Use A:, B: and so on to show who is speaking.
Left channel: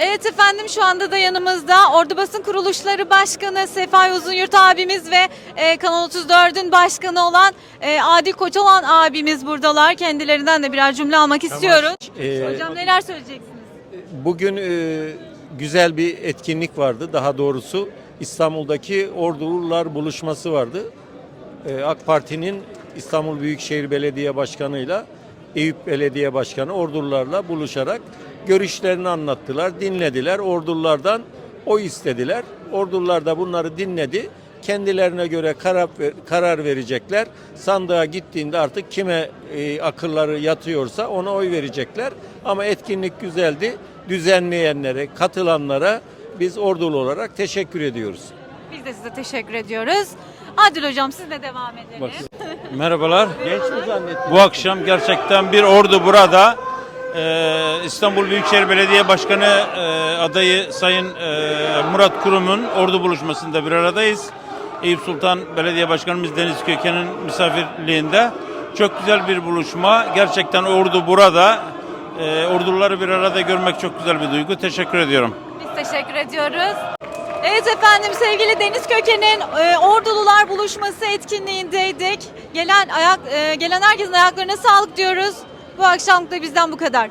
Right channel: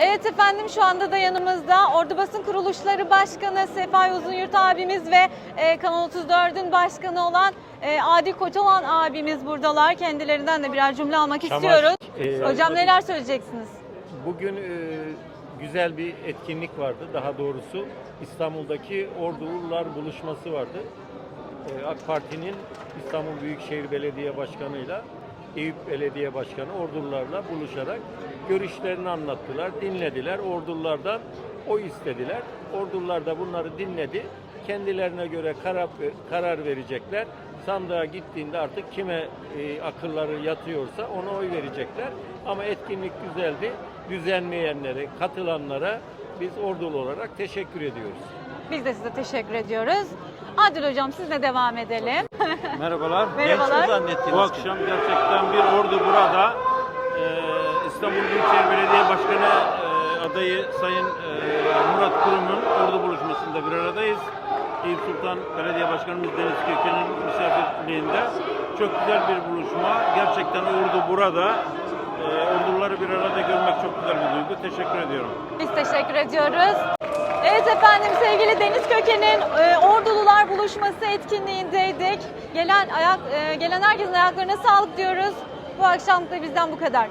A: Evet efendim şu anda da yanımızda Ordu Basın Kuruluşları Başkanı Sefai Uzunyurt abimiz ve e, Kanal 34'ün başkanı olan e, Adil Koçolan abimiz buradalar. Kendilerinden de birer cümle almak istiyorum.
B: Ee,
A: Hocam neler söyleyeceksiniz?
B: Bugün e, güzel bir etkinlik vardı. Daha doğrusu İstanbul'daki Ordulular buluşması vardı. E, AK Parti'nin İstanbul Büyükşehir Belediye Başkanı'yla Eyüp Belediye Başkanı Ordulularla buluşarak görüşlerini anlattılar, dinlediler. Ordululardan oy istediler. Ordulular da bunları dinledi. Kendilerine göre karar, karar verecekler. Sandığa gittiğinde artık kime e, akılları yatıyorsa ona oy verecekler. Ama etkinlik güzeldi. Düzenleyenlere, katılanlara biz ordulu olarak teşekkür ediyoruz.
A: Biz de size teşekkür ediyoruz. Adil hocam sizle devam edelim.
C: Merhabalar.
A: Merhabalar.
C: Bu akşam gerçekten bir ordu burada. Ee, İstanbul Büyükşehir Belediye Başkanı e, adayı Sayın e, Murat Kurum'un ordu buluşmasında bir aradayız. Eyüp Sultan Belediye Başkanımız Deniz Köken'in misafirliğinde. Çok güzel bir buluşma. Gerçekten ordu burada. Ee, orduları bir arada görmek çok güzel bir duygu. Teşekkür ediyorum.
A: Biz teşekkür ediyoruz. Evet efendim sevgili Deniz Köken'in e, Ordulular Buluşması etkinliğindeydik. Gelen ayak e, gelen herkesin ayaklarına sağlık diyoruz. Bu akşam da bizden bu kadar.